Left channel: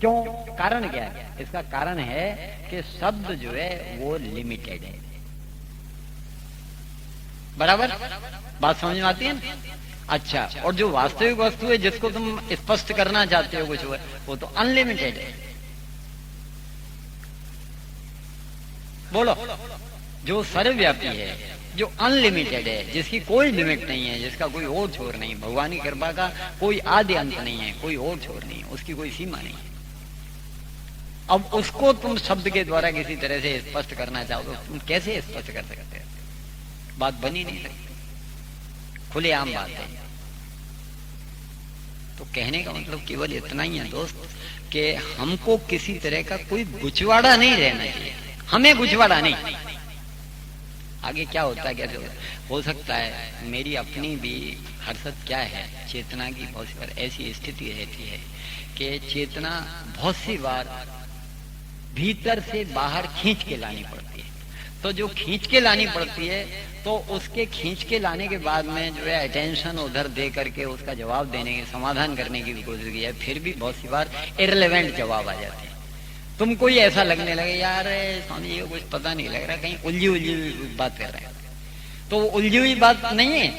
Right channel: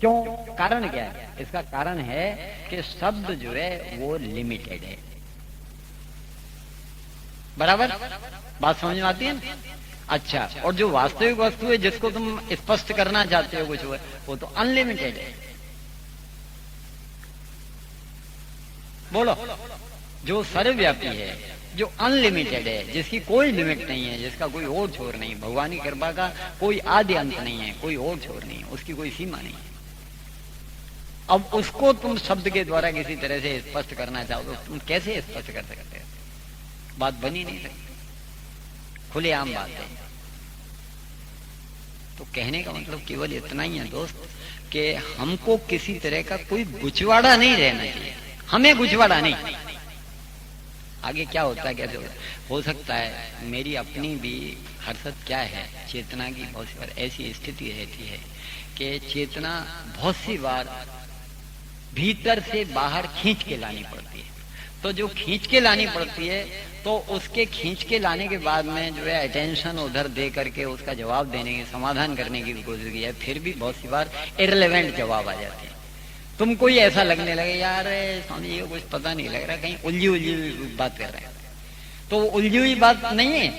क्यों? कारण क्या है इसका? कारण है कि शब्द जो है वो लिमिटेड है। बराबर बात समझ में आती है ना? अच्छा, और जो वास्तविक वस्तु है जिसको तुम स्पष्ट करना चाहते हो कुछ, वो तो अनलिमिटेड है। बोलो, जो सर्वव्यापी है, जो अनलिमिटेड है, जिसकी कोई लिमिट नहीं है, जिसका कोई और छोर नहीं, भगवान की कृपा का कोई आदि अंत नहीं है, कोई और छोर नहीं है, उसकी कोई सीमा नहीं। अब उसको तुम शब्द के द्वारा किसी तरह से स्पष्ट करना चाहो तो तुम कैसे स्पष्ट कर सकते हो? बात बनी नहीं सकती, खुलेआम बात है। तो कहने का मतलब केवल इतना ही है दोस्त कि हमको किसी तरह का कोई गुचवाड़ा नहीं रहना चाहिए, हमें गुचवाड़ा नहीं। आगे क्या होता है, क्या हो सकता है मेरी अपनी भी हरकत क्या है, चेतना की बहुत बार ऐसी स्थिति रहती है कि चेतना बहुत सी बार भीतर से बाहर खींच के लानी पड़ती है। तो जो खींच के लानी पड़ती है तो उसके खींच के लाने के बाद में जो है अटेंशन उधर दे करके उसका जवाब देने के, समाधान करने की कोशिश की है, फिर भी बहुत सी बार इररिलेवेंट जवाब आ जाते हैं। तुमको ही ऐसा लगने लगे यार स्वामी जी को कुछ पता नहीं लग रहा, कहीं उलझी उलझी बात कर रहा है। तो उलझी हुई बात नहीं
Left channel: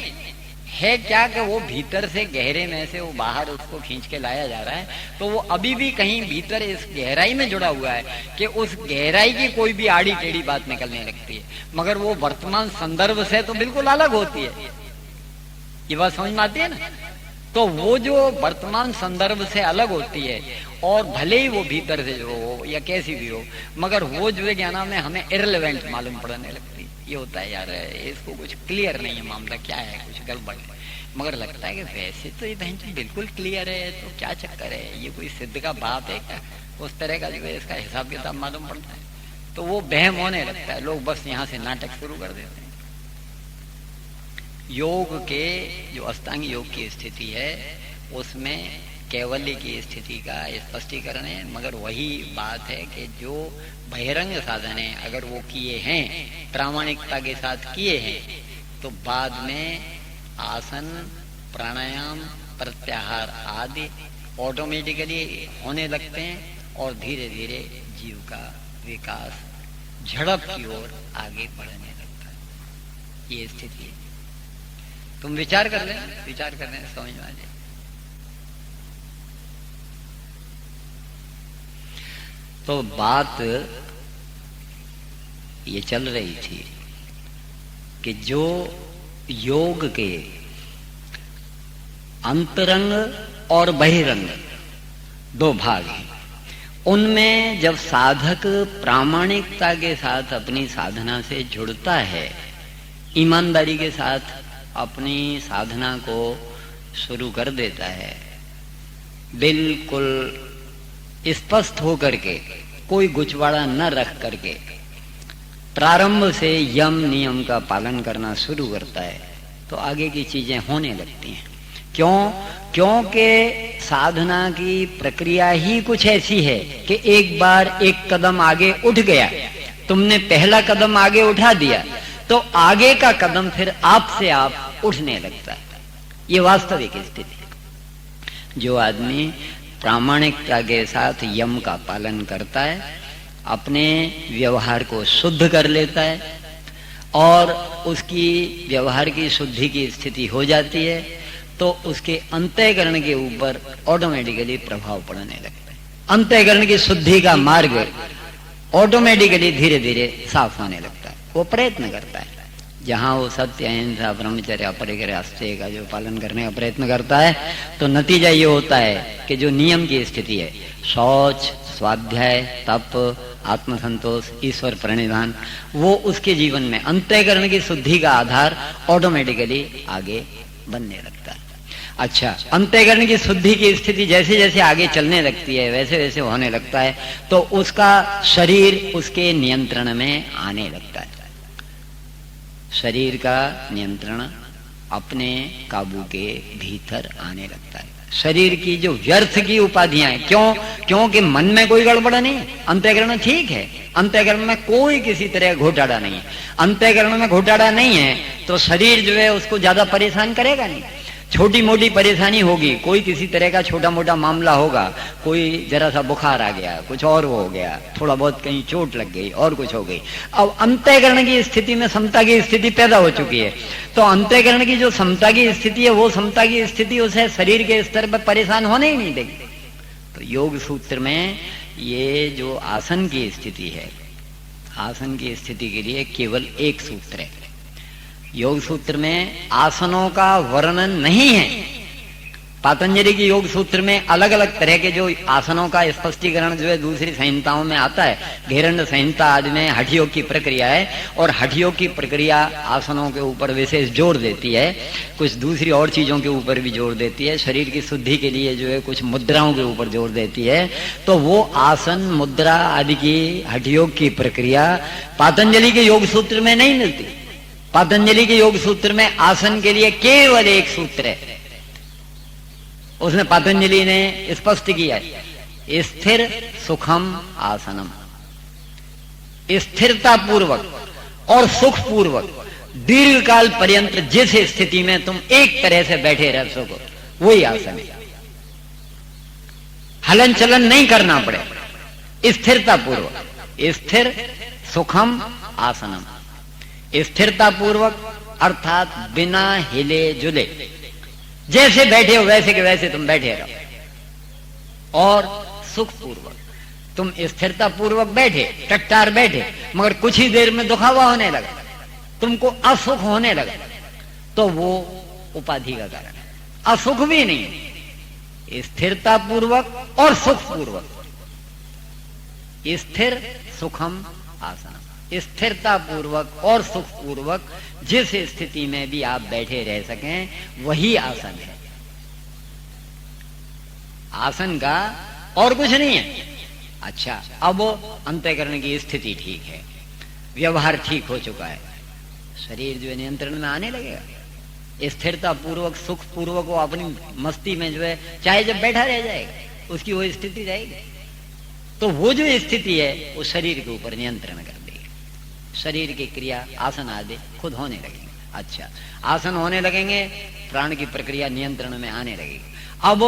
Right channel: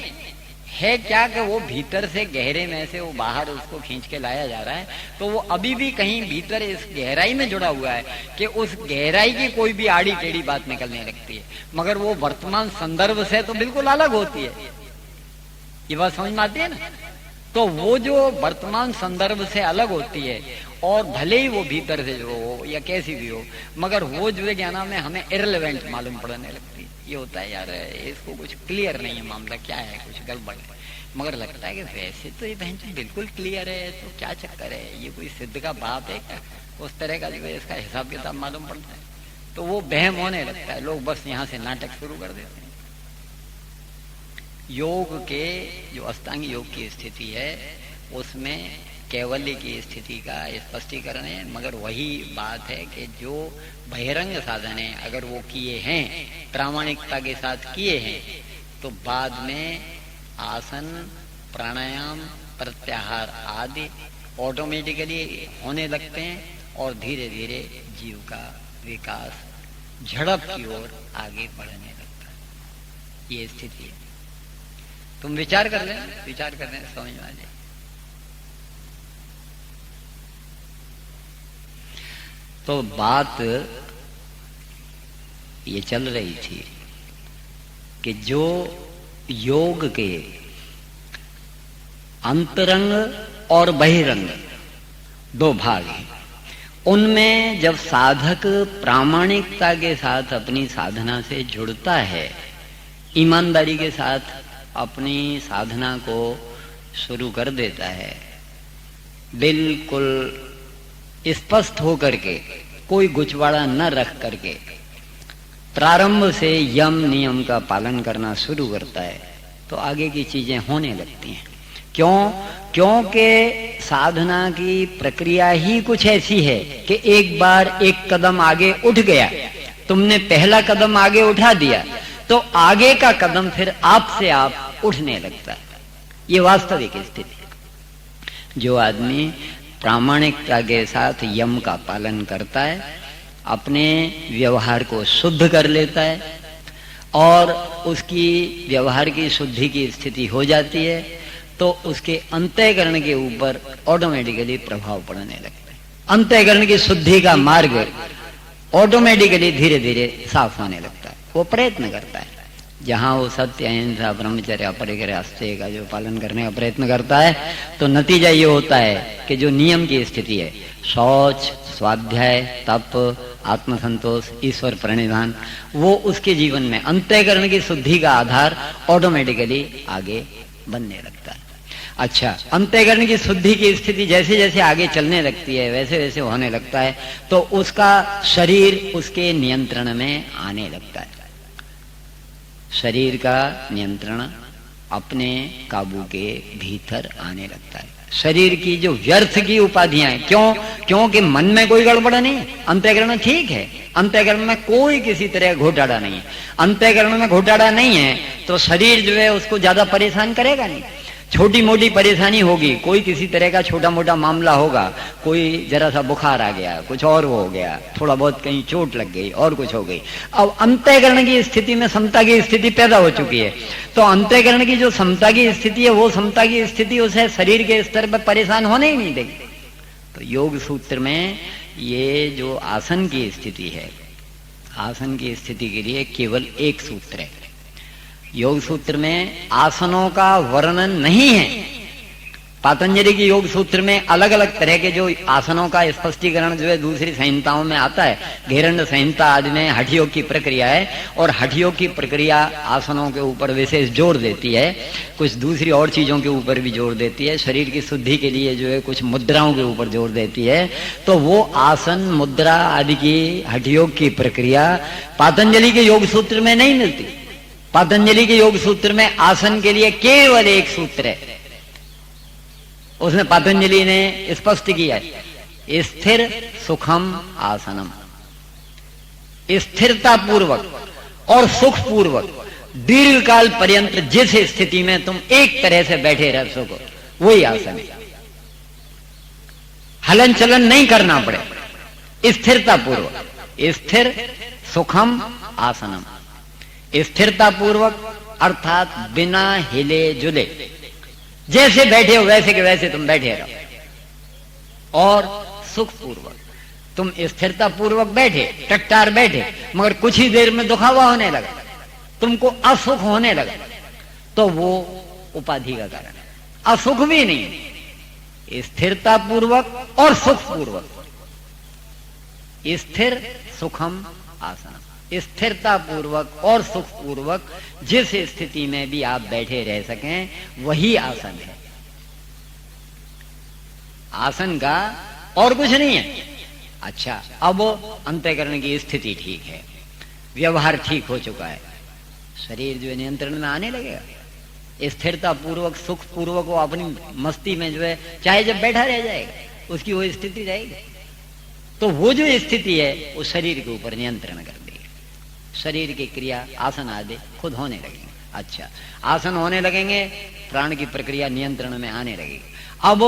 है क्या कि वो भीतर से गहरे में से वो बाहर उसको खींच के लाया जा रहा है, तो वो अभी भी कहीं भीतर इस गहराई में जुड़ा हुआ है कि उस गहराई की कोई भी आड़ी टेढ़ी बात निकलने लगती है, मगर वो वर्तमान संदर्भ से तो बिल्कुल अलग होती है। ये बात समझ में आती है ना? तो वो जो वर्तमान संदर्भ से अलग होती है, और भले ही वो भीतर से जो हो या कैसी भी हो, मगर वो जो है क्या नाम है, हमें इररिलेवेंट मालूम पड़ने लगती है। ये होता है यार इसको कुछ क्लियर नहीं है, मामला क्या है, कुछ गड़बड़ है, मगर लगता है कि वैसे तो ये बहन बिल्कुल क्लियर है, तो क्या चक्कर है, ये कोई सिद्ध का बात है क्या? उस तरह का जो है इसका हिसाब किताब मालूम पड़ता है, तो वो बहम होने लगता है, लोग बस यहाँ से नाटक शुरू कर देते हैं। योग के जो अष्टांग योग की स्थिति है उसमें कैवल्य की स्थिति का स्पष्टीकरण है, मगर वही बात है कि जो बहिरंग साधन है अगर वो किए हैं, प्रामाणिकता के साथ किए हैं, तो बाद में आसन, प्राणायाम, प्रत्याहार आदि ऑटोमेटिकली होने लगते हैं और धीरे धीरे जीव का विकास झड़प की ओर आगे बढ़ने लगता है। ये स्थिति है। तुम विचार कर लें, विचार कर लें, समझ में आ जाए। तो बात ये चल रही थी कि जो योग के अंतरंग और बहिरंग दो भाग हैं, उनमें जब साधक प्रामाणिकता के साथ अपनी साधना से जुड़ता है, ईमानदारी के साथ अपनी साधना को शुरू कर देता है, बिल्कुल स्पष्ट होकर के, कोई गुचवाड़ा न रख करके प्रारंभ से यम नियम का पालन करना शुरू करता है, तो आगे की चीजें होने लगती हैं। क्यों? क्योंकि साधना की प्रक्रिया ही कुछ ऐसी है कि एक बार एक कदम आगे उठ गया, तुमने पहला कदम आगे उठा दिया, तो आगे का कदम फिर आपसे आप उठने लगता है। ये वास्तविक स्थिति है। जो आदमी प्रामाणिकता के साथ यम का पालन करता है, अपने व्यवहार को शुद्ध कर लेता है और उसकी व्यवहार की शुद्धि की स्थिति हो जाती है, तो उसके अंतःकरण के ऊपर ऑटोमेटिकली प्रभाव पड़ने लगता है। अंतःकरण की शुद्धि का मार्ग ऑटोमेटिकली धीरे धीरे साफ होने लगता है। वो प्रयत्न करता है, जहां वो सत्य, अहिंसा, ब्रह्मचर्य, अपरिग्रह, आस्तेय का जो पालन करने का प्रयत्न करता है, तो नतीजा ये होता है कि जो नियम की स्थिति है, शौच, स्वाध्याय, तप, आत्मसंतोष, ईश्वर प्रणिधान, वो उसके जीवन में अंतःकरण की शुद्धि का आधार ऑटोमेटिकली आगे बनने लगता है। अच्छा, अंतःकरण की शुद्धि की स्थिति जैसे जैसे आगे चलने लगती है, वैसे वैसे होने लगता है, तो उसका शरीर उसके नियंत्रण में आने लगता है। शरीर का नियंत्रण अपने काबू के भीतर आने लगता है। शरीर की जो व्यर्थ की उपाधियां, क्योंकि मन में कोई गड़बड़ नहीं है, अंतःकरण ठीक है, अंतःकरण में कोई किसी तरह घोटाला नहीं है। अंतःकरण में घोटाला नहीं है तो शरीर जो है उसको ज्यादा परेशान करेगा नहीं। छोटी मोटी परेशानी होगी, कोई किसी तरह का छोटा मोटा मामला होगा, कोई जरा सा बुखार आ गया, कुछ और हो गया, थोड़ा बहुत कहीं चोट लग गई और कुछ हो गई। अब अंतःकरण की स्थिति में समता की स्थिति पैदा हो चुकी है, तो अंतःकरण की जो समता की स्थिति है वो समता की स्थिति उसे शरीर के स्तर पर परेशान होने ही नहीं देगी। तो योग सूत्र में ये जो आसन की स्थिति है, आसन की स्थिति के लिए केवल एक सूत्र है। योग सूत्र में आसनों का वर्णन नहीं है। पातंजलि की योग सूत्र में अलग अलग तरह के जो आसनों का स्पष्टीकरण जो है दूसरी संहिताओं में आता है। घेरंड संहिता आदि में हठ योग की प्रक्रिया है, और हठ योग की प्रक्रिया आसनों के ऊपर विशेष जोर देती है, कुछ दूसरी और चीजों के ऊपर भी जोर देती है, शरीर की शुद्धि के लिए जो है कुछ मुद्राओं के ऊपर जोर देती है। तो वो आसन मुद्रा आदि की हठ योग की प्रक्रिया पातंजलि के योग सूत्र में नहीं मिलती। पातंजलि के योग सूत्र में आसन के लिए केवल एक सूत्र है, उसने पातंजलि ने स्पष्ट किया है, स्थिर सुखम आसनम। स्थिरता पूर्वक और सुख पूर्वक दीर्घ काल पर्यंत जिस स्थिति में तुम एक तरह से बैठे रह सको वही आसन है। हलन चलन नहीं करना पड़े, स्थिरता पूर्वक, स्थिर सुखम आसनम। स्थिरता पूर्वक अर्थात बिना हिले जुले, जैसे बैठे हो वैसे के वैसे तुम बैठे रहो। और सुख पूर्वक, तुम स्थिरता पूर्वक बैठे, टट्टार बैठे, मगर कुछ ही देर में दुखावा होने लगा, तुमको असुख होने लगा, तो वो उपाधि का कारण है, असुख भी नहीं। स्थिरता पूर्वक और सुख पूर्वक, स्थिर सुखम आसन। स्थिरता पूर्वक और सुख पूर्वक जिस स्थिति में भी आप बैठे रह सकें वही आसन है। आसन का और कुछ नहीं है। अच्छा, अब अंतःकरण की स्थिति ठीक है, व्यवहार ठीक हो चुका है, शरीर जो नियंत्रण में आने लगेगा, स्थिरता पूर्वक सुख पूर्वक वो अपनी मस्ती में जो है चाहे जब बैठा रह जाएगा उसकी वो स्थिति रहेगी। तो वो जो स्थिति है वो शरीर के ऊपर नियंत्रण कर देगी, शरीर की क्रिया आसन आदि खुद होने लगेंगे। अच्छा, आसन होने लगेंगे, प्राण की प्रक्रिया नियंत्रण में आने लगेगी। अब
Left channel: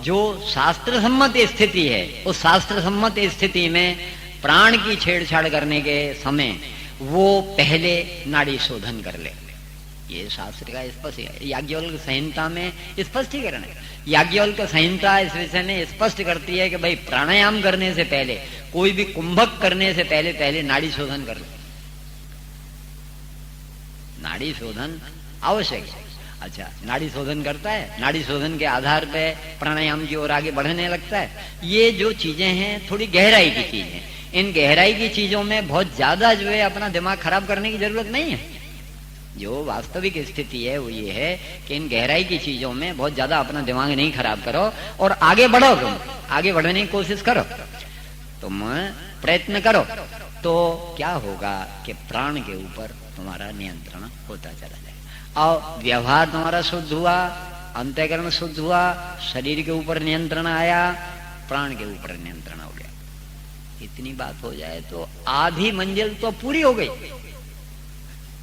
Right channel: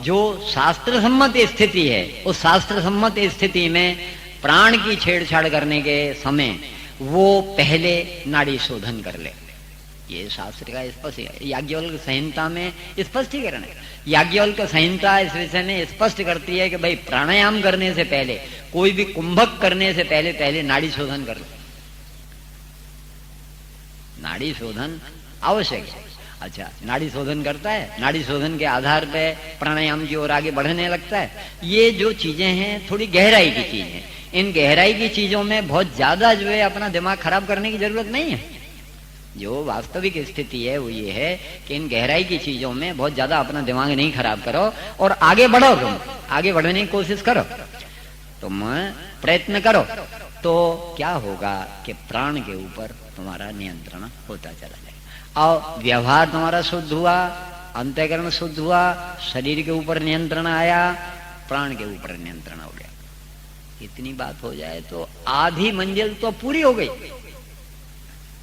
जो शास्त्र सम्मत स्थिति है, उस शास्त्र सम्मत स्थिति में प्राण की छेड़छाड़ करने के समय वो पहले नाड़ी शोधन कर ले। ये शास्त्र का स्पष्ट है, याज्ञवल्क्य संहिता में स्पष्टीकरण है। याज्ञवल्क्य संहिता इस विषय में स्पष्ट करती है कि भाई प्राणायाम करने से पहले, कोई भी कुंभक करने से पहले पहले नाड़ी शोधन कर ले। नाड़ी शोधन आवश्यक है। अच्छा, नाड़ी शोधन करता है, नाड़ी शोधन के आधार पे प्राणायाम की ओर आगे बढ़ने लगता है। ये जो चीजें हैं थोड़ी गहराई की चीज है, इन गहराई की चीजों में बहुत ज्यादा जो है अपना दिमाग खराब करने की जरूरत नहीं है। जो वास्तविक स्थिति है वो ये है कि इन गहराई की चीजों में बहुत ज्यादा अपना दिमाग नहीं खराब करो और आगे बढ़ो, तुम आगे बढ़ने की कोशिश करो, तुम प्रयत्न करो, तो क्या होगा कि प्राण के ऊपर तुम्हारा नियंत्रण होता चला जाए और व्यवहार तुम्हारा शुद्ध हुआ, अंतःकरण शुद्ध हुआ, शरीर के ऊपर नियंत्रण आया, प्राण के ऊपर नियंत्रण हो गया। इतनी बात हो जाए तो आधी मंजिल तो पूरी हो गई,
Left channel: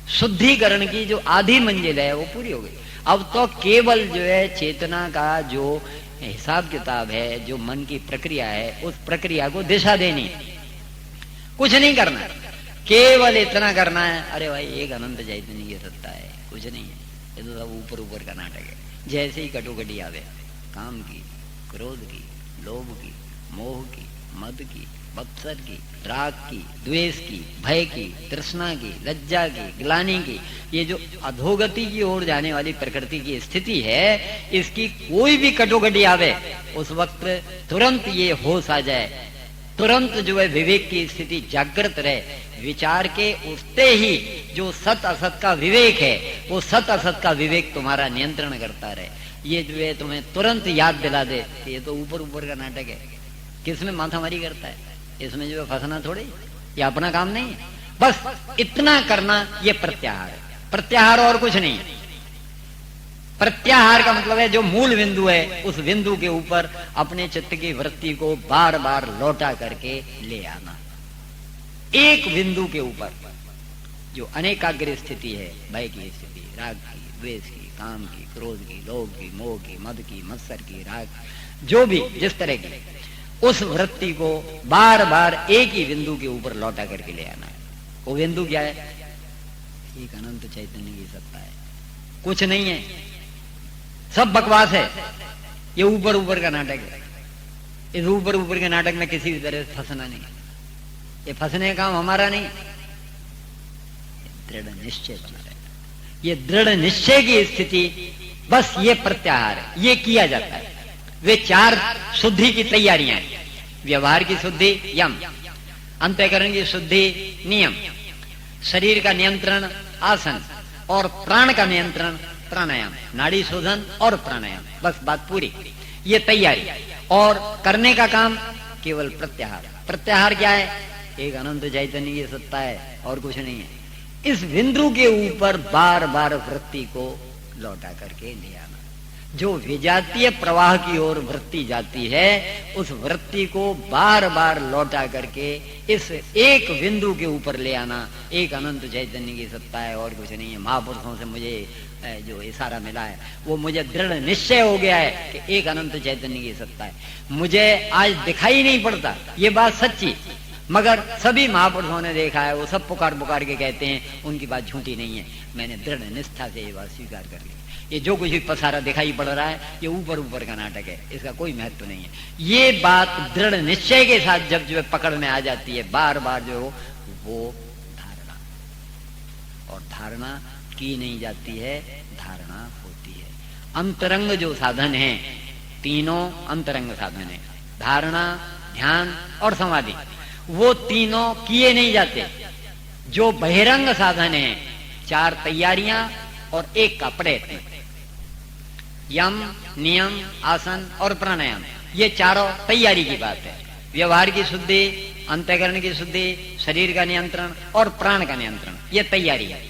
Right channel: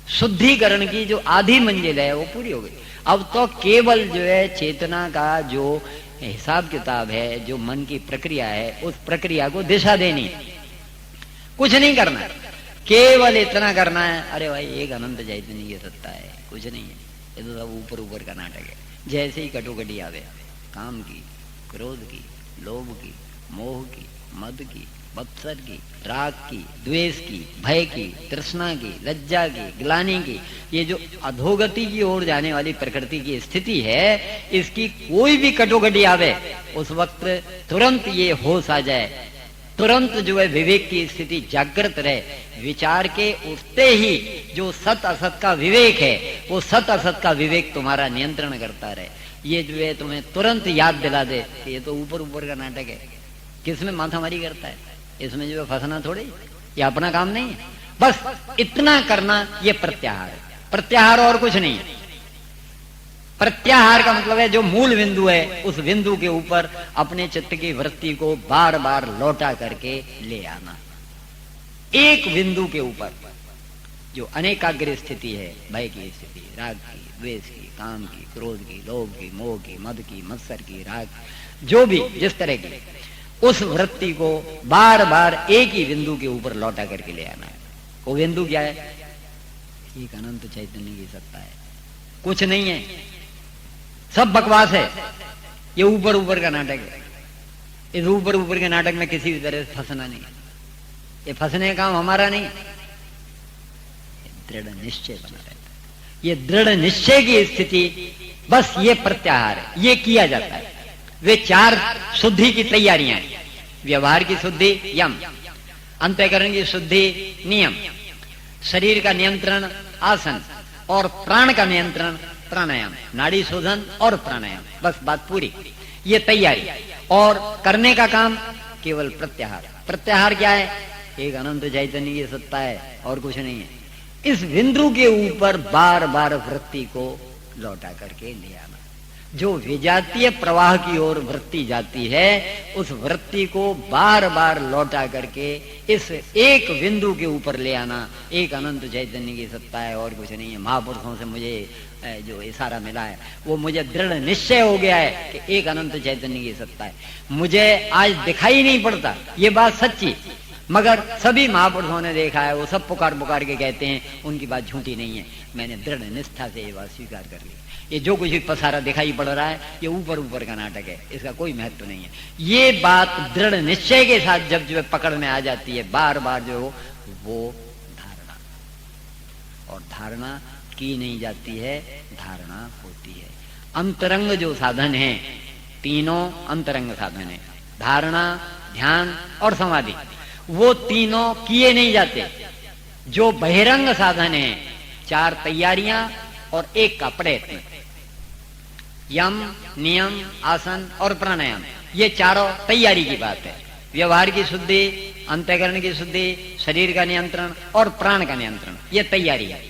शुद्धिकरण की जो आधी मंजिल है वो पूरी हो गई। अब तो केवल जो है चेतना का जो हिसाब किताब है, जो मन की प्रक्रिया है, उस प्रक्रिया को दिशा देनी, कुछ नहीं करना, केवल इतना करना है, अरे भाई एक अनंत चैतन्य ये सत्ता है, कुछ नहीं है, ये तो सब ऊपर ऊपर का नाटक है। जैसे ही कटोकटी आवे, काम की, क्रोध की, लोभ की, मोह की, मद की, मत्सर की, राग की, द्वेष की, भय की, तृष्णा की, लज्जा की, ग्लानि की, ये जो अधोगति की ओर जाने वाली प्रकृति की स्थिति है, इसकी कोई भी कटोकटी आवे उस वक्त तुरंत ये होश आ जाए, तुरंत जो है विवेक की स्थिति जागृत रहे, विचार के उठते ही जो सत असत का विवेक है वो सत असत का विवेक तुम्हारा नियंत्रण करता रहे। ये जो है तुम्हें तुरंत याद दिला दे कि ये तो ऊपर ऊपर का नाटक है, किसमें माथामारी करता है, इसमें जो है फंसना थोड़ी, ये अपना काम नहीं है। बस इतना करना, ये प्रत्याहार है, प्रत्याहार और कुछ नहीं है। प्रत्याहार का मतलब है जो मूल बिंदु है उस बिंदु के ऊपर अपने चित्त की वृत्ति को बार बार लौटा करके ले आना। एक बिंदु के ऊपर जो अनेकाग्र स्थिति है, भय की स्थिति, राग की, द्वेष की, काम की, क्रोध की, लोभ की, मोह की, मद की, मत्सर की, राग, जो भी जिस तरह की, उस वृत्ति को बार बार एक ही बिंदु के ऊपर लौटा करके ले आना है। वो बिंदु क्या है? एक अनंत चैतन्य की सत्ता है, कुछ नहीं है, सब बकवास है, ये ऊपर ऊपर का नाटक है। इस ऊपर ऊपर के नाटक में किसी भी तरह से फंसना नहीं है, ये फंसने का काम हमारा नहीं है, दृढ़ निश्चय बना है। ये दृढ़ निश्चय की स्थिति, बस ये प्रत्याहार ये किया जाता है। वे 4 शुद्धि की तैयारियां, व्यवहार की शुद्धि यम, अंतःकरण की शुद्धि नियम, शरीर का नियंत्रण आसन और प्राण का नियंत्रण प्राणायाम, नाड़ी शोधन और प्राणायाम, बस बात पूरी। ये तैयारी और करने का काम केवल प्रत्याहार। प्रत्याहार क्या है? एक अनंत चैतन्य की सत्ता है और कुछ नहीं है। इस बिंदु के ऊपर बार बार वृत्ति को लौटा करके ले आना। जो विजातीय प्रवाह की ओर वृत्ति जाती है, उस वृत्ति को बार बार लौटा करके इस एक बिंदु के ऊपर ले आना। एक अनंत चैतन्य की सत्ता है और कुछ नहीं है। महापुरुषों से मुझे जो इशारा मिला है, वो मुझे दृढ़ निश्चय हो गया है कि एक अनंत चैतन्य की सत्ता है। मुझे आज दिखाई नहीं पड़ता, ये बात सच्ची, मगर सभी महापुरुषों ने देखा है, वो सब पुकार पुकार के कहते हैं, उनकी बात झूठी नहीं है। मैंने दृढ़ निष्ठा से ये बात स्वीकार कर ली। ये जो कुछ भी पसारा दिखाई पड़ रहा है, ये ऊपर ऊपर का नाटक है, इसका कोई महत्व नहीं है। ये बात दृढ़ निश्चय के साथ जब जो पकड़ में आ जाती है, बार बार जो वो धारणा, और धारणा की नहीं जाती है, धारणा होती है। अंतरंग जो साधन है, तीनों अंतरंग साधन है, धारणा, ध्यान और समाधि, वो तीनों किए नहीं जाते। जो बहिरंग साधन है, 4 तैयारियां और 1 का प्रयत्न, यम, नियम, आसन और प्राणायाम, ये चारों तैयारी की बात है। व्यवहार की शुद्धि, अंतःकरण की शुद्धि, शरीर का नियंत्रण और प्राण का नियंत्रण, ये तैयारी है।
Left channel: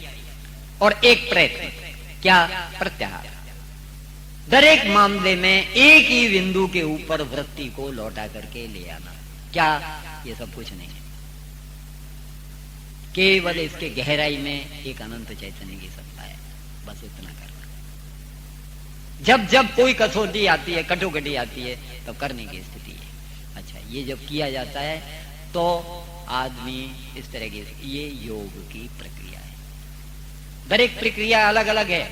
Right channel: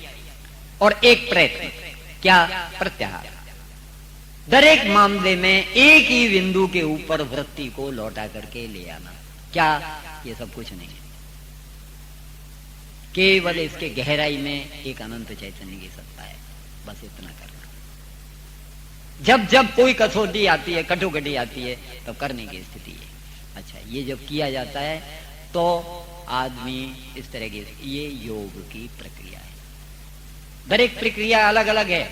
और 1 प्रयत्न, क्या? प्रत्याहार। दरेक मामले में एक ही बिंदु के ऊपर वृत्ति को लौटा करके ले आना। क्या? ये सब कुछ नहीं है, केवल इसके गहराई में एक अनंत चैतन्य की सत्ता है, बस इतना करना। जब जब कोई कसौटी आती है, कटोकटी आती है, तो करने की स्थिति है। अच्छा, ये जब किया जाता है तो आदमी इस तरह की, ये योग की प्रक्रिया है। दरेक प्रक्रिया अलग अलग है,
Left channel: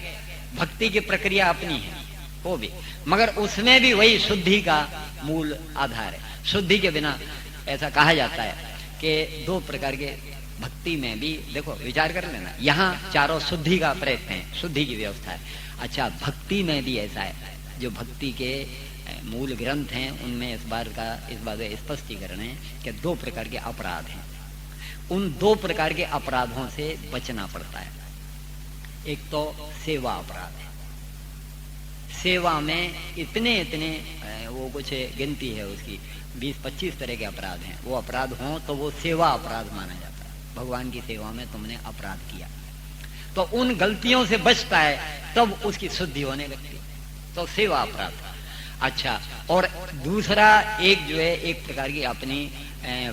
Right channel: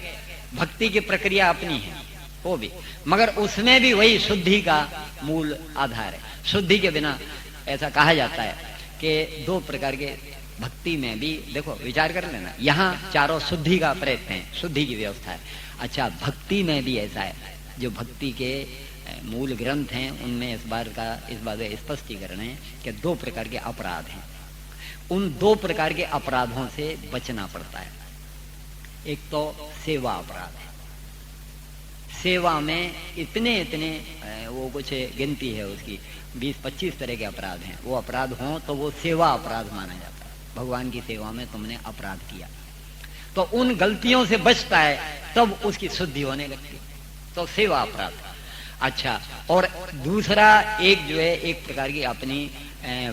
भक्ति की प्रक्रिया अपनी है वो भी, मगर उसमें भी वही शुद्धि का मूल आधार है। शुद्धि के बिना, ऐसा कहा जाता है कि 2 प्रकार के भक्ति में भी, देखो विचार कर लेना, यहाँ चारों शुद्धि का प्रयत्न है, शुद्धि की व्यवस्था है। अच्छा, भक्ति में भी ऐसा है, जो भक्ति के मूल ग्रंथ हैं उनमें इस बात का स्पष्टीकरण है कि 2 प्रकार के अपराध हैं। उन 2 प्रकार के अपराधों से बचना पड़ता है। एक तो सेवा अपराध है, सेवा में इतने वो कुछ गिनती है उसकी, 20-25 तरह के अपराध हैं। वो अपराध हों तो वो सेवा अपराध माना जाता है। भगवान की सेवा में तुमने अपराध किया, तो उन गलतियों से बचता है, तब उसकी शुद्धि होने लगती है, तो सेवा अपराध। अच्छा, और दूसरा एक जो है, एक प्रकार की अपनी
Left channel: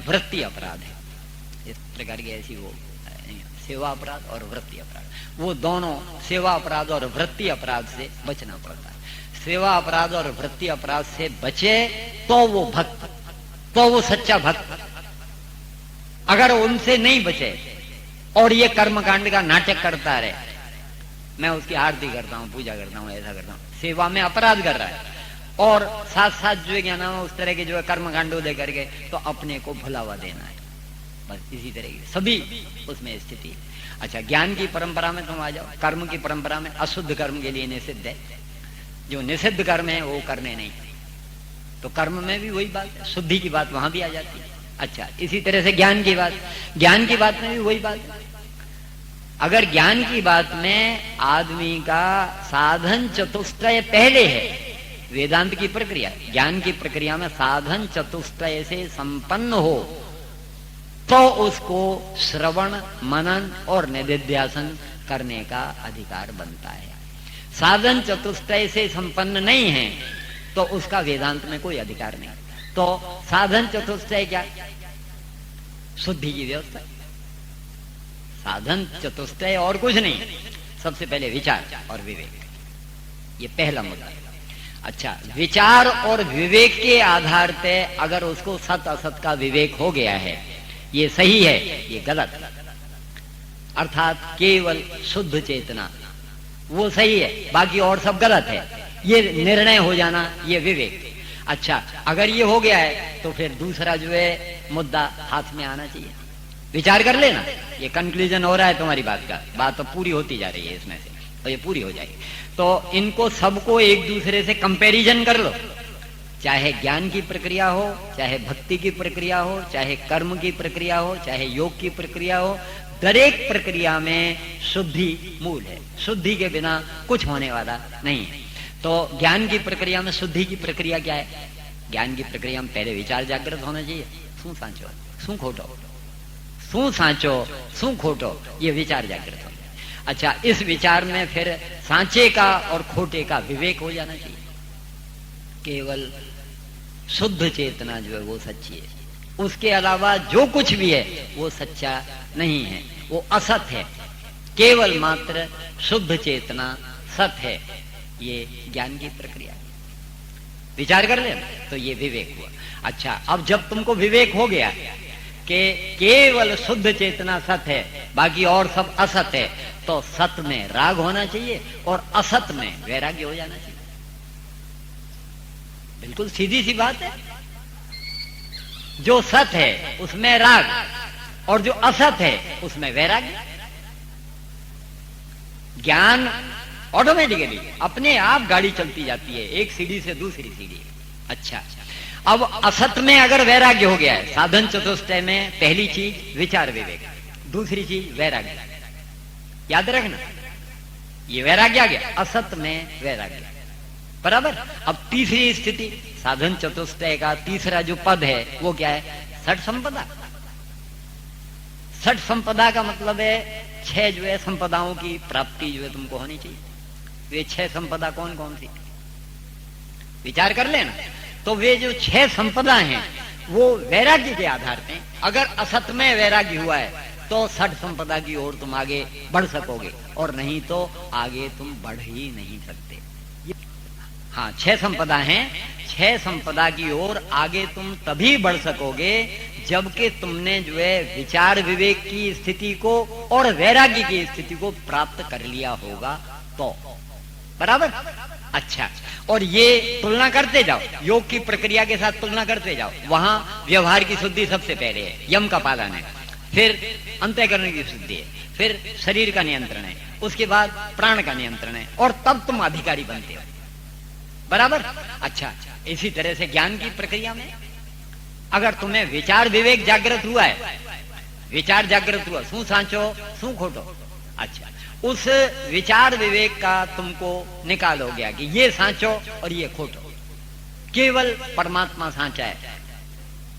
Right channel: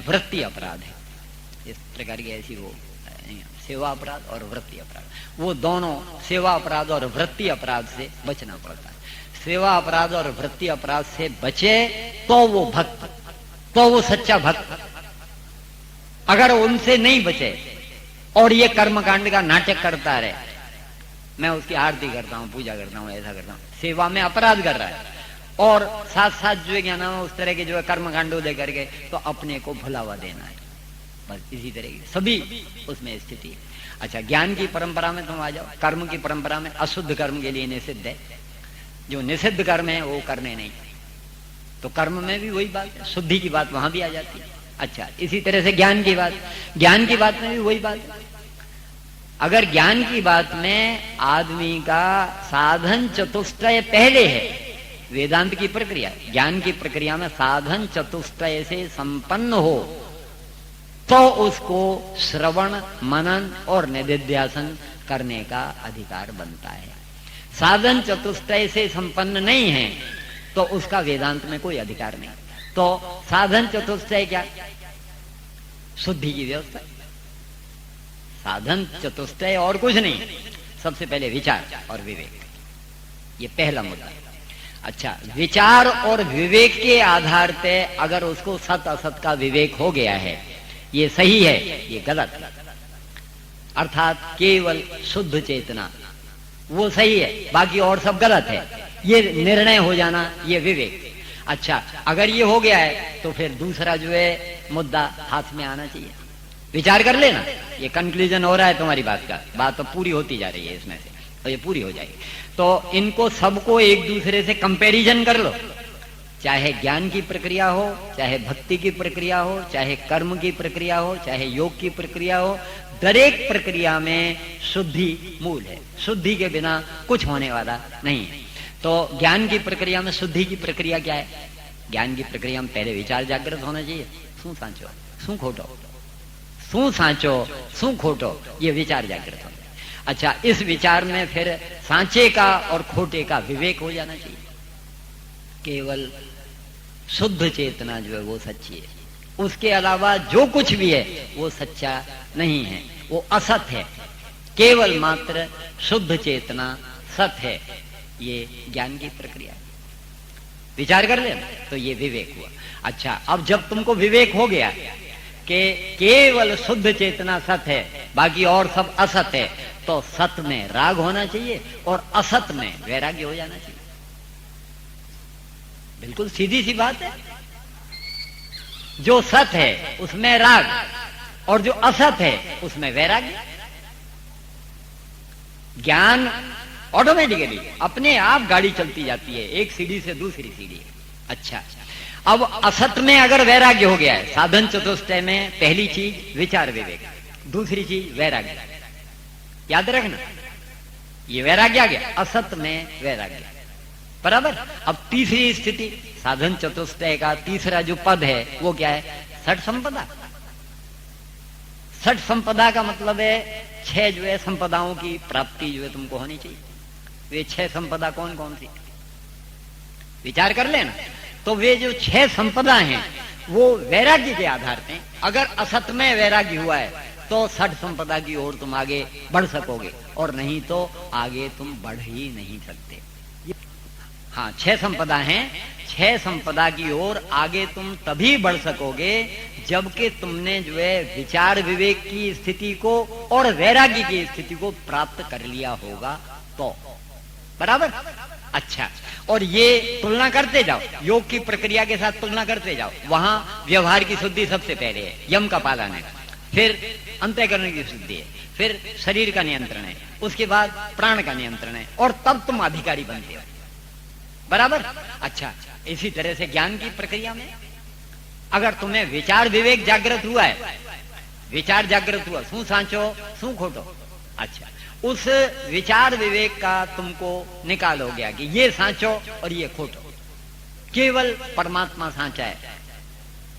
वृत्ति अपराध है। इस प्रकार की ऐसी वो सेवा अपराध और वृत्ति अपराध, वो दोनों सेवा अपराध और वृत्ति अपराध से बचना पड़ता है। सेवा अपराध और वृत्ति अपराध से बचे तो वो भक्त, तो वो सच्चा भक्त। अगर उनसे नहीं बचे और ये कर्मकांड का नाटक करता रहे, मैं उसकी आरती करता हूँ, पूजा करता हूँ, ऐसा करता हूँ, सेवा में अपराध कर रहा है, और साथ साथ जो है क्या नाम है, उस तरह के जो है कर्मकांडों दे करके तो अपने को भुलावा देना है, बस इसी तरह की सभी उसमें स्थिति। अच्छा, ज्ञान की परंपरा में तुम आ जाओ, कर्म की परंपरा में अशुद्ध कर्म के लिए निषिद्ध है, जो निषिद्ध कर्म है वो करने नहीं। तो कर्म में भी वही बात, शुद्धि की बात वहां भी आ जाती है। अच्छा, इसी तरह से ज्ञान की बात में भी वही बात है। अगर ज्ञान की बात में आदमी का साधन चतुष्टय पहले है, वेदांत की प्रक्रिया, ज्ञान की प्रक्रिया में साधन चतुष्टय से संपन्न हो, तो उसको श्रवण, मनन और निधिध्यासन करने का अधिकार बनता है। साधन चतुष्टय से संपन्न नहीं है तो उसका वेदांत में कोई अधिकार नहीं। तो साधन चतुष्टय क्या? शुद्धि की व्यवस्था। साधन चतुष्टय और कुछ नहीं, सबसे पहले विचार और विवेक, ये पहला मुद्दा। अच्छा, विचार और विवेक के आधार पे अगर उसको सत असत का विवेक हो गया है, ये सही है, ये गलत है, अर्थात केवल शुद्ध चेतना वो सही है, बाकी और सब गलत है, ये निर्णय हो जाना, ये विवेक। अच्छा, अगर ये हो गया है तो फिर दूसरा जो है मुद्दा हाथ में आना चाहिए। विचार कर लेना, ये कंक्लूजन हो रहा है तुम्हारी बात का, बात तो पूरी होती जा रही है इसमें से, तो ये पूरी हो जाएगी। तो इनको सबको एक दूसरे से कंपैरिजन कर लो, चाहे ज्ञान की प्रक्रिया हो, चाहे भक्ति की प्रक्रिया हो, चाहे कर्म की प्रक्रिया हो, चाहे योग की प्रक्रिया हो, दरेक प्रक्रिया में शुद्धि मूल है, शुद्धि के बिना कुछ होने वाला नहीं है। तो ज्ञान की प्रक्रिया में शुद्धि की प्रक्रिया क्या है? ज्ञान की प्रक्रिया में पहले विचार जागृत होना चाहिए, शू साचो शू खोटो, शू साचो शू खोटो, ये विचार जागृत होना। अच्छा, इस विचार में फिर सांचे का और खोटे का विवेक हो जाना चाहिए। केवल शुद्ध चेतना जो है वो सच्ची है, उसके अलावा जो कुछ भी है वो सच्चा नहीं है, वो असत है। केवल मात्र शुद्ध चेतना सत है, ये ज्ञान की प्रक्रिया। विचार कर लेना, तो ये विवेक हुआ। अच्छा, अब जब तुमको विवेक हो गया कि केवल शुद्ध चेतना सत है, बाकी और सब असत है, तो सत में राग होना चाहिए और असत में वैराग्य हो जाना चाहिए। बिल्कुल सीधी सी बात है। जो सत है उसमें राग और जो असत है उसमें वैराग्य। ज्ञान ऑटोमेटिकली अपने आप गाड़ी चलती जाती है, एक सीढ़ी से दूसरी सीढ़ी। अच्छा, अब असत में अगर वैराग्य हो गया है, साधन चतुष्टय में पहली चीज विचार विवेक, दूसरी चीज वैराग्य, याद रखना, ये वैराग्य आ गया, असत में वैराग्य, बराबर। अब तीसरी स्थिति, साधन चतुष्टय का तीसरा जो पद है वो क्या है? षट संपदा। षट संपदा का मतलब है 6 जो है संपदाओं की प्राप्ति जो है तुमको होनी चाहिए। वे 6 संपदा कौन कौन सी? विचार कर लेना। तो वे जो 6 संपदा हैं वो वैराग्य के आधार पे, अगर असत में वैराग्य हुआ है तो षट संपदा की ओर तुम आगे बढ़ सकोगे, और नहीं तो आगे तुम बढ़ ही नहीं सकते। हाँ, 6 संपदा हैं, 6 संपदा की ओर आगे तुम तभी बढ़ सकोगे जबकि तुमने जो है विचार विवेक की स्थिति को और वैराग्य की स्थिति को प्राप्त कर लिया होगा, तो बराबर। अच्छा, और ये तुलना करते जाओ, योग की प्रक्रिया के साथ तुलना करते जाओ। वहां व्यवहार की शुद्धि सबसे पहले है, यम का पालन है, फिर अंतःकरण की शुद्धि है, फिर शरीर का नियंत्रण है, उसके बाद प्राण का नियंत्रण है, और तब तुम अधिकारी बनते हो, बराबर। अच्छा, इसी तरह से ज्ञान की प्रक्रिया में अगर तुम्हें विचार विवेक जागृत हुआ है, विचार जागृत हुआ, शू सांचो शू खोटो, अच्छा, उस विचार विवेक का तुमको निकाल हो गया कि ये सांचो और ये खोटो, केवल परमात्मा सांचा है,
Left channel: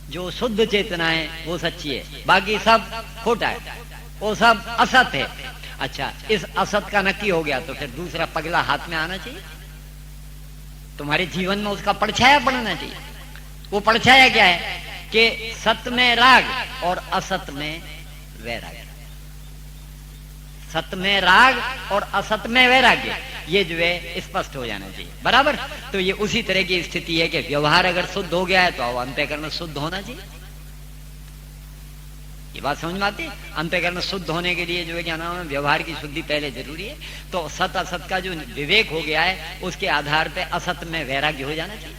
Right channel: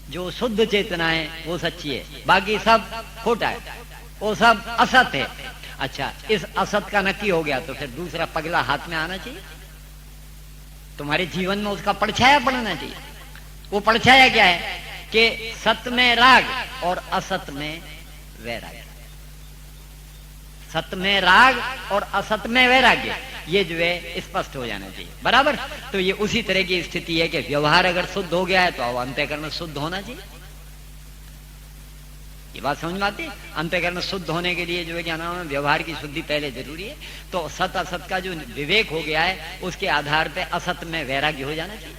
जो शुद्ध चेतना है वो सच्ची है, बाकी सब खोटा है, वो सब असत है। अच्छा, इस असत का नक्की हो गया तो फिर दूसरा पगला हाथ में आना चाहिए, तुम्हारे जीवन में उसका परछाया पड़ना चाहिए। वो परछाया क्या है कि सत में राग और असत में वैराग्य, सत में राग और असत में वैराग्य, ये जो है स्पष्ट हो जाना चाहिए, बराबर। तो ये उसी तरह की स्थिति है कि व्यवहार अगर शुद्ध हो गया है तो अंतःकरण शुद्ध होना चाहिए। ये बात समझ में आती है? अंतःकरण शुद्ध होने के लिए जो है क्या नाम है, व्यवहार की शुद्धि पहले जरूरी है। तो सत असत का जो विवेक हो गया है उसके आधार पे असत में वैराग्य हो जाना चाहिए।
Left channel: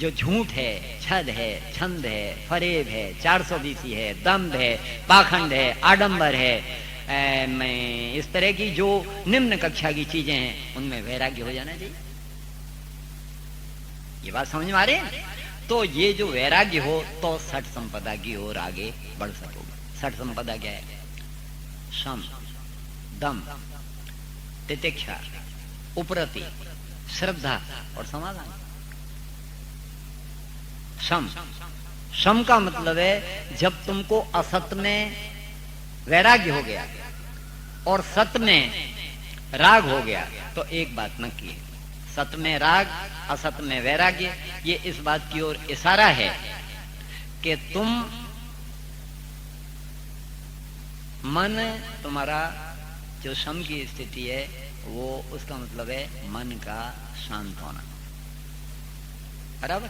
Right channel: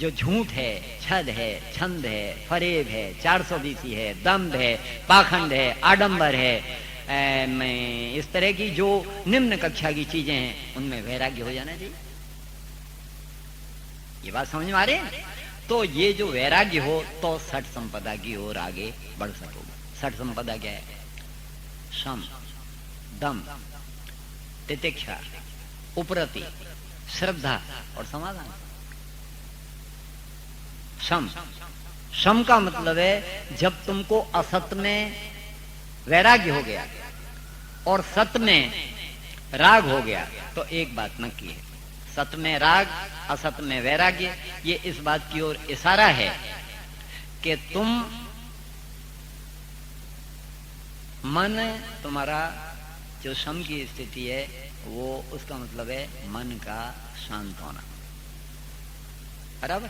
जो झूठ है, छद है, छंद है, फरेब है, 420 है, दम्भ है, पाखंड है, आडंबर है, इस तरह की जो निम्न कक्षा की चीजें हैं उनमें वैराग्य हो जाना चाहिए। ये बात समझ में आ रही है? तो ये जो वैराग्य हो तो षट संपदा की ओर आगे बढ़ सकोगे। षट संपदा क्या है? शम, दम, तितिक्षा, उपरति, श्रद्धा और समाधान। शम, शम का मतलब है जब तुमको असत में वैराग्य हो गया और सत में राग हो गया तो एक बात नक्की है, सत में राग असत में वैराग्य, ये इस बात की ओर इशारा है कि तुम मन, तुम्हारा जो सम की स्थिति है वो उसका मतलब है मन का शांत होना। बराबर।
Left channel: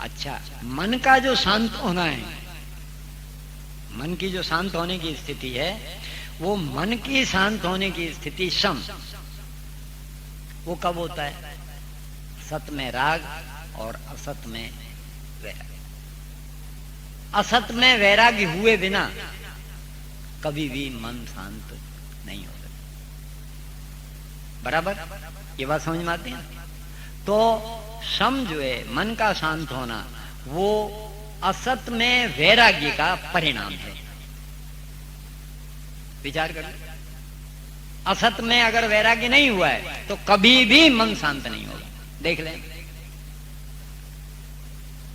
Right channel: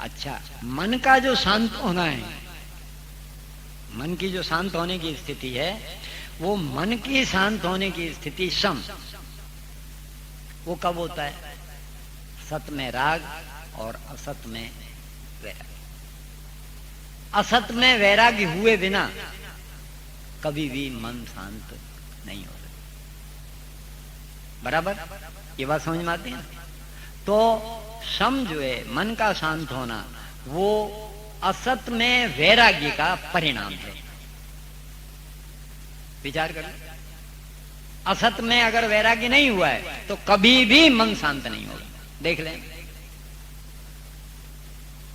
अच्छा, मन का जो शांत होना है, मन की जो शांत होने की स्थिति है, वो मन की शांत होने की स्थिति शम, वो कब होता है? सत में राग और असत में वैराग। असत में वैराग्य हुए बिना कभी भी मन शांत नहीं होता। बराबर, ये बात समझ में आती है? तो शम जो है, मन का शांत होना, वो असत में वैराग्य का परिणाम है। विचार करिए, असत में अगर वैराग्य नहीं हुआ है तो कभी भी मन शांत नहीं होगा। देख लें,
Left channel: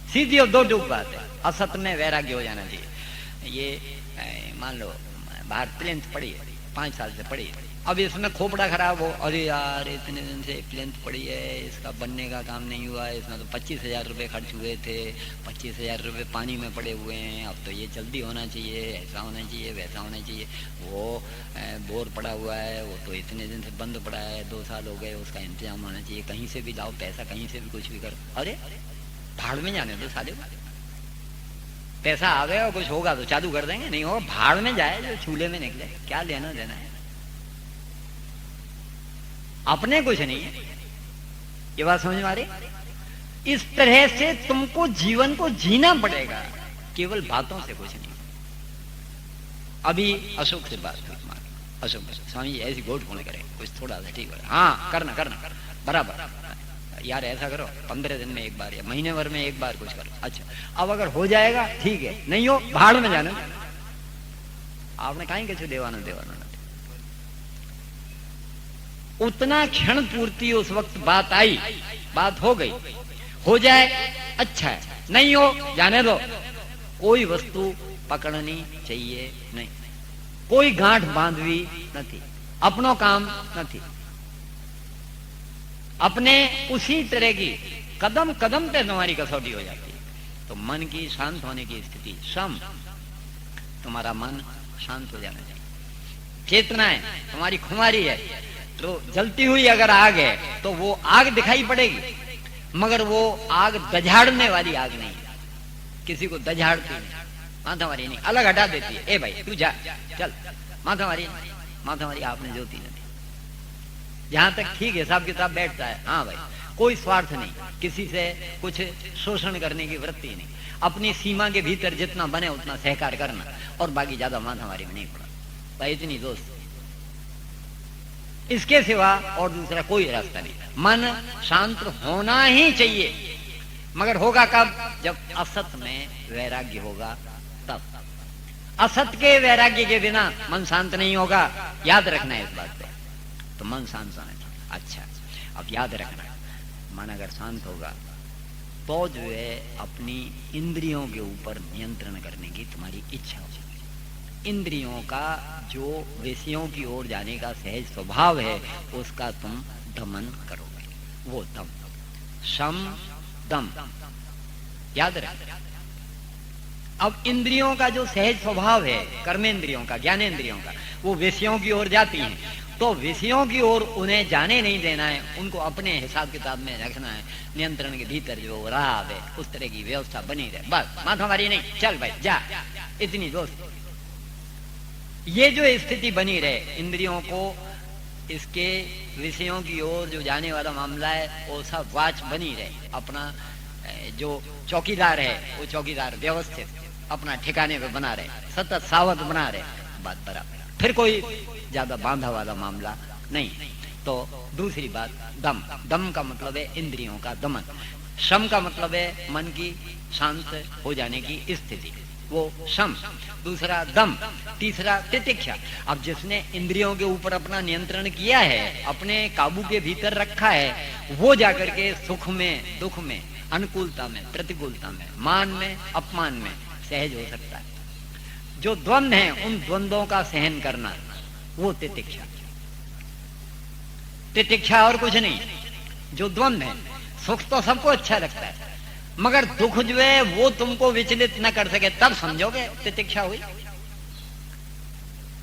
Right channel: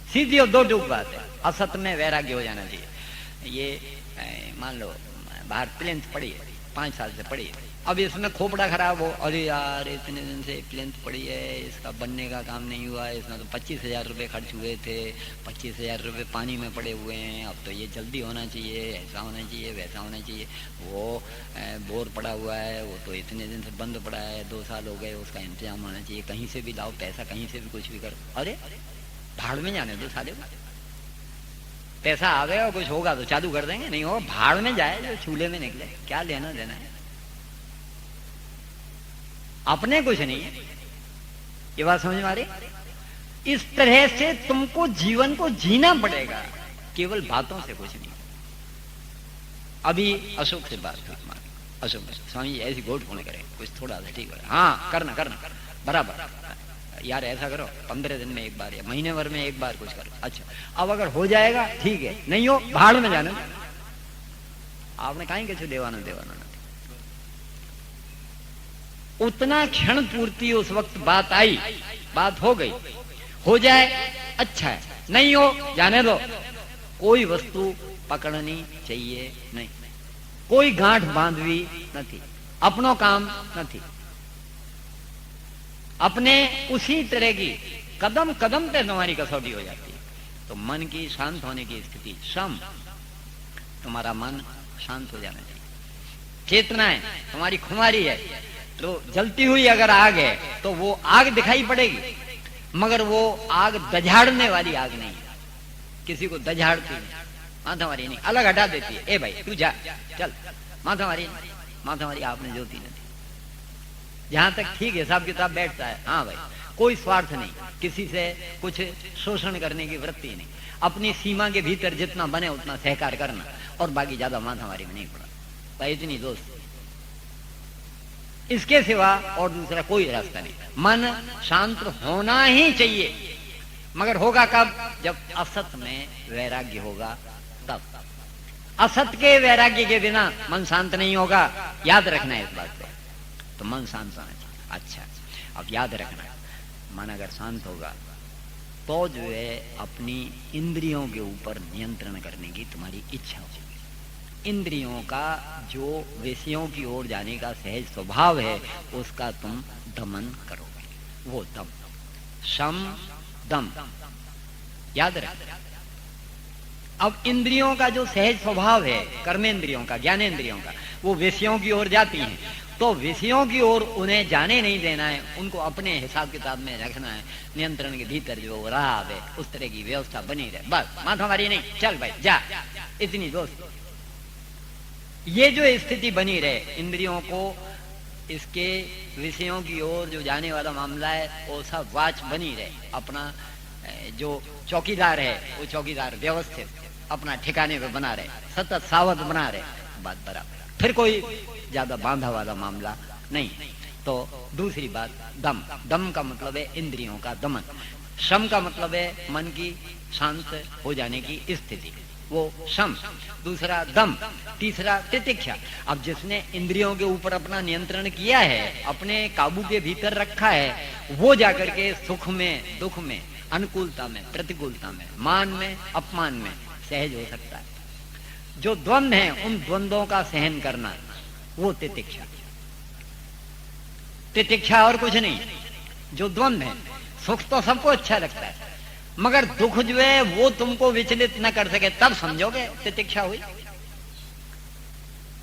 सीधी और दो टूक बात है, असत में वैराग्य हो जाना चाहिए। ये मान लो बाहर प्लेन्थ पड़ी है, 5 साल से पड़ी है, अब इसमें खोपड़ा खराब हो, अरे यार इतने दिन से प्लेन्थ पड़ी है, इसका बनने का काम नहीं हुआ है, इसमें तो 25,000 रुपये खर्च हुए थे, 25,000 रुपये पानी में पड़े हुए हैं, अब तो ये जल्दी होना चाहिए, ऐसा होना चाहिए, वैसा होना चाहिए। वो बोर पड़ा हुआ है, वो तो इतने दिन से बंद पड़ा है, 2 साल हो गए, उसका इंतजाम होना चाहिए, कहीं से भी लाओ पैसा, कहीं से भी कुछ भी करो। अरे भाड़ में जाने जो साले, पैसा आ गया और कुछ होगा तो चालू कर देंगे, नहीं होगा भाड़ में जाए जो चूल्हे में निकले, क्या लेना देना है, अपने कुछ नहीं है। ये बात समझ में आ रही? इस तरह से तुमको जीवन को जीना पड़ेगा, केवल बातों से कुछ नहीं। अभी अशोक से बात हुई, अशोक स्वामी ऐसी गोट फोन करे, कुछ थोड़ा सा ठीक है, हाँ करना बराबर यार, ऐसा करो 15 दिन में एक बार या महीने भर में एक बार कुछ करो। अच्छा, अब अगर हो जाएगा ठीक है, नहीं हो भाड़ में जाना। आपने कहीं कैसे देवानो उतना क्षण पूर्ति उस वक्त बात आई, बात हो गई, हो जाए अच्छा है, नहीं हो जाने दो। कोई वस्तु पकड़नी चाहिए नहीं, कोई गांठ बांधवी नहीं, अपनो काम नहीं, अपने उसी तरह की कदम कदम पे तुम्हारी कसौटी हो जाती है। तो मन की शांत होने की स्थिति शम, तुम्हारा मन शांत हो जाना चाहिए। चेतना है तुम्हारी खुमारी है, तो जलती हुई अगर आग है तो वो आग दिखाई पड़ेगी, मगर वो आग दझाड़ने वाली आग नहीं है, किसी को दझाड़ती नहीं, माथामारी नहीं, अलग हटा देती है। ए भाई तू जा, चल, माथामारी आपने जोती नहीं। जहां तक ठीक हिसाब किताब बैठता है, हाँ भाई कोई स्वार्थ नहीं, किसी से कुछ शोषण करने की वृत्ति नहीं, अपनी सीमा के भीतर जितना बने उतना सहकार करना, और बाकी ज्यादा माथामारी में नहीं पड़ा भाई, इतनी दोस्त। इसके सिवा और दूसरा कोई रास्ता नहीं। मन शांत होना ही चाहिए, मगर होगा कब? जब असत में वैराग्य होगा तब। असत के वैराग्य के बिना मन शांत नहीं होगा, याद रखना है इस बात पे। तो मन शांत होना चाहिए। अच्छा, अब याद रखना, मन अगर शांत होगा तो जो है अपनी इंद्रियों के ऊपर नियंत्रण करने की तुम्हारी इच्छा होगी। इंद्रियों का जो विषयों की ओर जाने का सहज स्वभाव है उसका तुम दमन करोगे, वो दम, शम दम, याद रख। अब इंद्रियों का जो सहज स्वभाव है, कर्मेंद्रियों का, ज्ञानेंद्रियों का, वो विषयों की ओर जाती हैं, तो विषयों की ओर उन्हें जाने नहीं देना है, उनको अपने हिसाब किताब में रखना है, नियंत्रण के भीतर जो रहा है उस तरह की व्यवस्था बनी रहे, बस माथामारी नहीं, चल भाई जा, इतनी दोस्त। ये जो स्थिति बनी रहे, इंद्रियों को इसके विषयों की ओर जो जाने वाला मामला है वो सब वाच बनी रहे, अपना जो चौकीदार है वो चौकीदार व्यवस्थित अपना ठिकाने पे बना रहे, सतत सावध बना रहे, बात बराबर, फिर कोई ज्यादा बांधा वाला मामला नहीं। तो दूसरी बात दम, दम का मतलब है इंद्रियों का दमन, शम का मतलब है मन की शांत हो जाने की स्थिति, वो शम। दूसरा दम, तीसरा तितिक्षा। अब जिसने इंद्रियों के ऊपर अपना नियंत्रण किया है, अपने काबू के भीतर रखा है, वो जाकर के सुख में, दुख में, अनुकूलता में, प्रतिकूलता में, मान में, अपमान में सहज हो सकता है। जो द्वंद्व है उन द्वंद्वों का सहन करना, वो तितिक्षा। तितिक्षा और कुछ नहीं। जो द्वंद्व है, सुख तो सबको अच्छा लगता है, मगर दुख जो है वो तुमको विचलित न कर सके, तब समझोगे तितिक्षा हुई।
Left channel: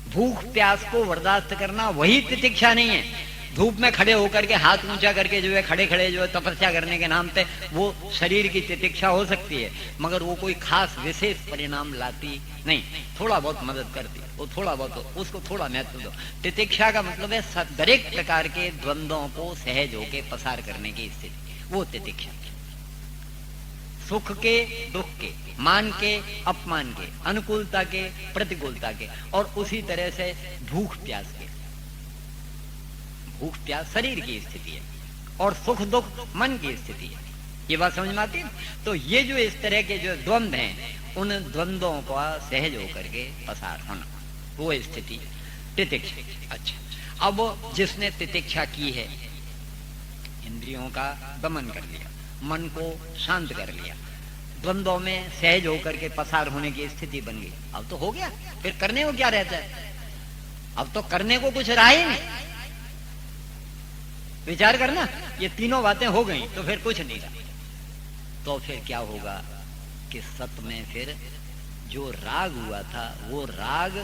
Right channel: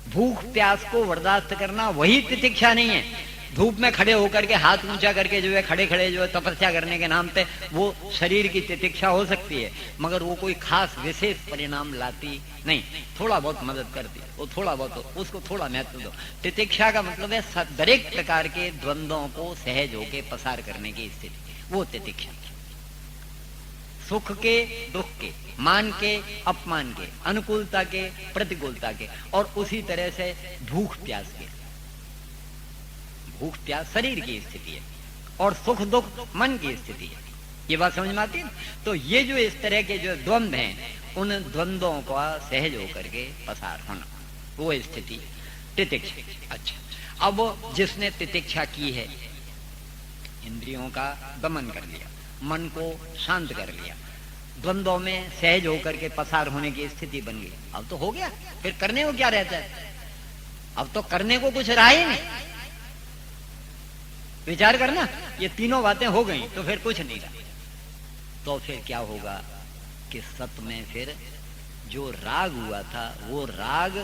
भूख प्यास को बर्दाश्त करना वही तितिक्षा नहीं है। धूप में खड़े होकर के हाथ ऊंचा करके जो है खड़े खड़े जो है तपस्या करने के नाम पे वो शरीर की तितिक्षा हो सकती है, मगर वो कोई खास विशेष परिणाम लाती नहीं, थोड़ा बहुत मदद करती है, वो थोड़ा बहुत उसको थोड़ा महत्व दो। तितिक्षा का मतलब है दरेक प्रकार के द्वंद्वों को सहज होके पसार करने की स्थिति, वो तितिक्षा। सुख के दुख के, मान के अपमान के, अनुकूलता के प्रतिकूलता के, और उसी तरह से भूख प्यास के। भूख प्यास शरीर की स्थिति है और सुख दुख मन की स्थिति है। ये बात समझ में आती है? तो ये जो इस तरह के जो द्वंद्व हैं, उन द्वंद्वों का सहज होकर के पसार होना, वो स्थिति तितिक्षा। अच्छा, अब जिसने तितिक्षा की है, इंद्रियों का दमन कर लिया, मन को शांत कर लिया, द्वंद्वों में सहज होकर के पसार होने की स्थिति बन गई, अब तो हो गया, फिर करने को क्या रहता है? अब तो करने को कुछ रहा ही नहीं। विचार करना, ये तीनों बातें हो गई तो फिर कुछ नहीं रहा। तो फिर क्या होगा कि सत में फिर जो राग हुआ था, वो राग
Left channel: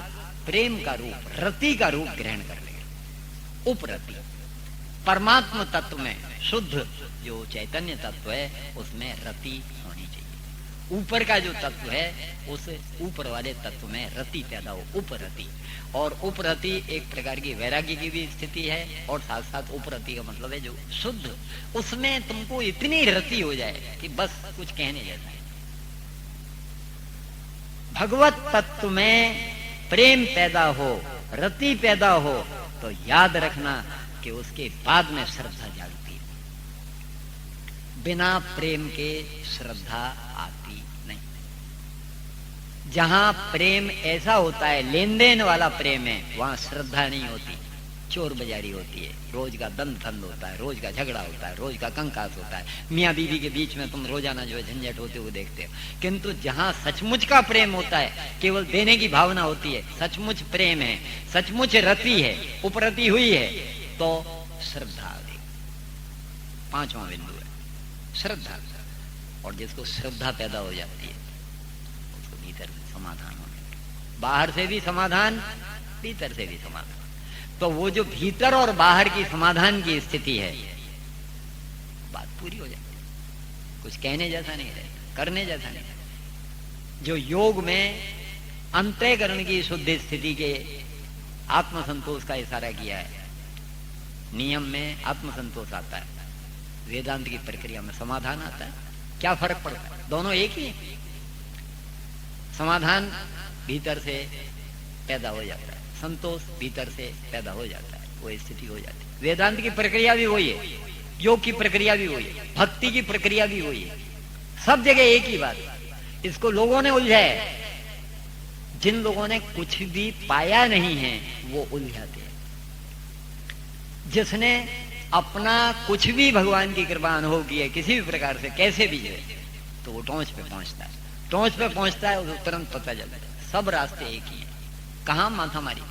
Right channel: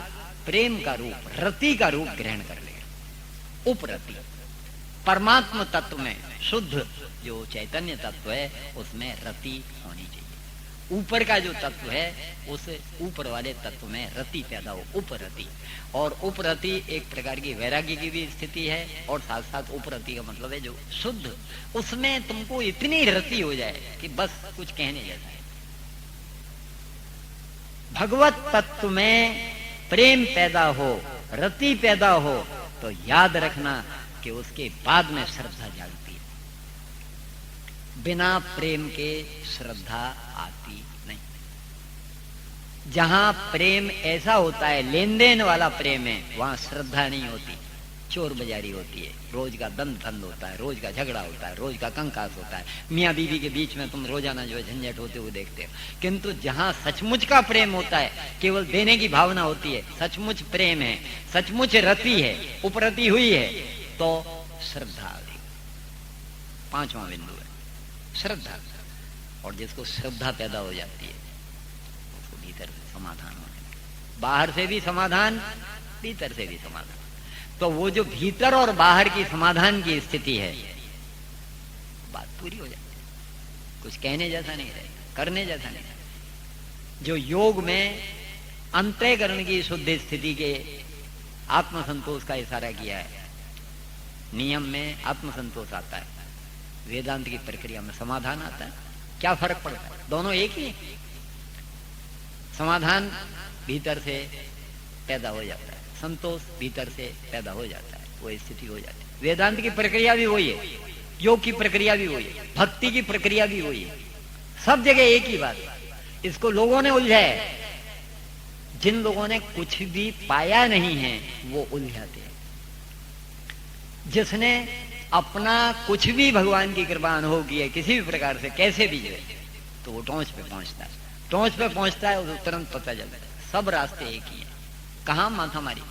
प्रेम का रूप, रति का रूप ग्रहण कर लेगा। उपरति, परमात्म तत्व में शुद्ध जो चैतन्य तत्व है, उसमें रति होनी चाहिए। ऊपर का जो तत्व है, उस ऊपर वाले तत्व में रति पैदा हो, उपरति। और उपरति एक प्रकार की वैराग्य की भी स्थिति है, और साथ साथ उपरति का मतलब है जो शुद्ध, उसमें तुमको इतनी रति हो जाए कि बस कुछ कहने जैसा। भगवत तत्व में प्रेम पैदा हो, रति पैदा हो, तो याद रखना कि उसके बाद में श्रद्धा जागती है। बिना प्रेम के श्रद्धा आती नहीं। जहां प्रेम ऐसा होता है, लेन देन वाला प्रेम है, वहां श्रद्धा नहीं होती, चोर बाजारी होती है, रोज का दंड खंड होता है, रोज का झगड़ा होता है, रोज का कंकास होता है, मियाँ बीवी के बीच में तुम रोजाना जो है झंझट होते हुए देखते हो। किंतु जहां सचमुच का प्रेम होता है, केवल देने की भावना होती है, सचमुच प्रेम है, सचमुच रति है, उपरति हुई है, तो श्रद्धा आ गई। पांचवा बिंदु है श्रद्धा। और जिसको श्रद्धा पैदा हो जाती है, उसको भीतर से समाधान होने, बाहर से भी समाधान, भीतर से भी समाधान। तो वो जो भीतर और बाहर की समाधान की स्थिति है, बात पूरी हो जाती है। कुछ कहने जैसा नहीं रहे, करने जैसा नहीं। जो योग में अंतःकरण की शुद्ध स्थिति के आत्मसंतोष का इशारा किया है, नियम में आत्मसंतोष आता है, वेदांत की प्रक्रिया में समाधान आता है। क्या फर्क पड़ता है? दोनों एक ही है। समाधान भीतर से पैदा हो जाता है, संतोष भीतर से पैदा हो जाता है, वो स्थिति हो जाती है। वेदांत की प्रक्रिया भी वही है, योग की प्रक्रिया भी वही है, भक्ति की प्रक्रिया भी वही है, सब जगह एक ही बात है। इसको लोगों ने उलझाया है। जिन लोगों ने कुछ भी पाया नहीं है, वो उलझाते हैं। जिसने अपना कुछ भी भगवान की कृपा अनुभव की है, किसी भी प्रकार से, कैसे भी है, तो वो टोंच पे पहुंचता है। टोंच पे पहुंचता है, उसको तुरंत पता चलता है सब रास्ते एक ही है। कहां माथा मारी?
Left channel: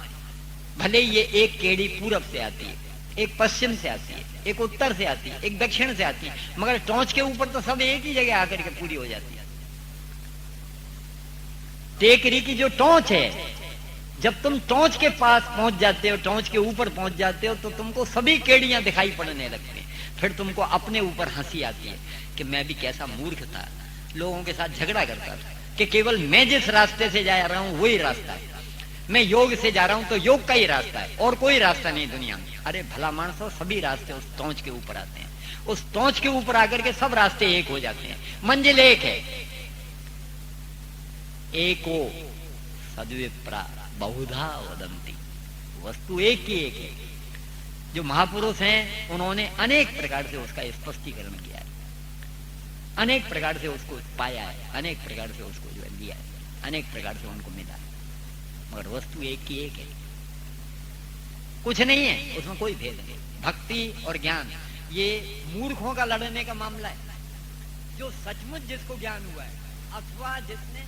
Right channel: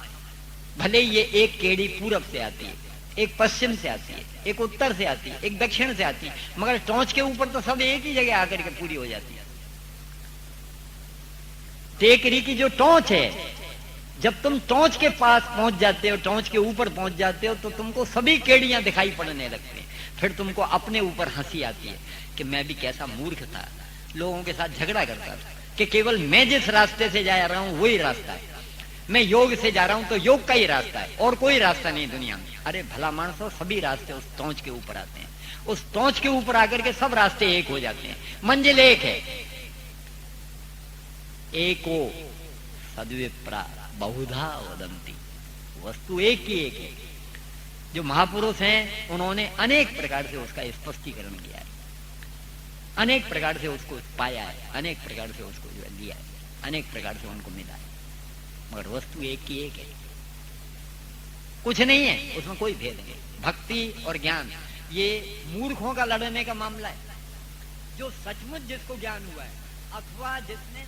भले ये एक केड़ी पूरब से आती है, एक पश्चिम से आती है, एक उत्तर से आती है, एक दक्षिण से आती है, मगर टोंच के ऊपर तो सब एक ही जगह आकर के पूरी हो जाती है। टेकरी की जो टोंच है, जब तुम टोंच के पास पहुंच जाते हो, टोंच के ऊपर पहुंच जाते हो, तो तुमको सभी केड़ियां दिखाई पड़ने लगती हैं। फिर तुमको अपने ऊपर हंसी आती है कि मैं भी कैसा मूर्ख था, लोगों के साथ झगड़ा करता था, कि केवल मैं जिस रास्ते से जा रहा हूं वही रास्ता है। मैं योग से जा रहा हूं तो योग का ही रास्ता है, और कोई रास्ता नहीं दुनिया में। अरे भला मानसो, सभी रास्ते उस टोंच के ऊपर आते हैं। उस टोंच के ऊपर आकर के सब रास्ते एक हो जाते हैं। मंजिल एक है। एको सद्विप्रा बहुधा वदंती, वस्तु एक ही एक है। जो महापुरुष हैं, उन्होंने अनेक प्रकार से उसका स्पष्टीकरण किया है, अनेक प्रकार से उसको पाया है, अनेक प्रकार से उसको लिया है, अनेक प्रकार से उनको मिला है, मगर वस्तु एक की एक है। कुछ नहीं है उसमें, कोई भेद नहीं। भक्ति और ज्ञान ये मूर्खों का लड़ने का मामला है। जो सचमुच जिसको ज्ञान हुआ है, अथवा जिसने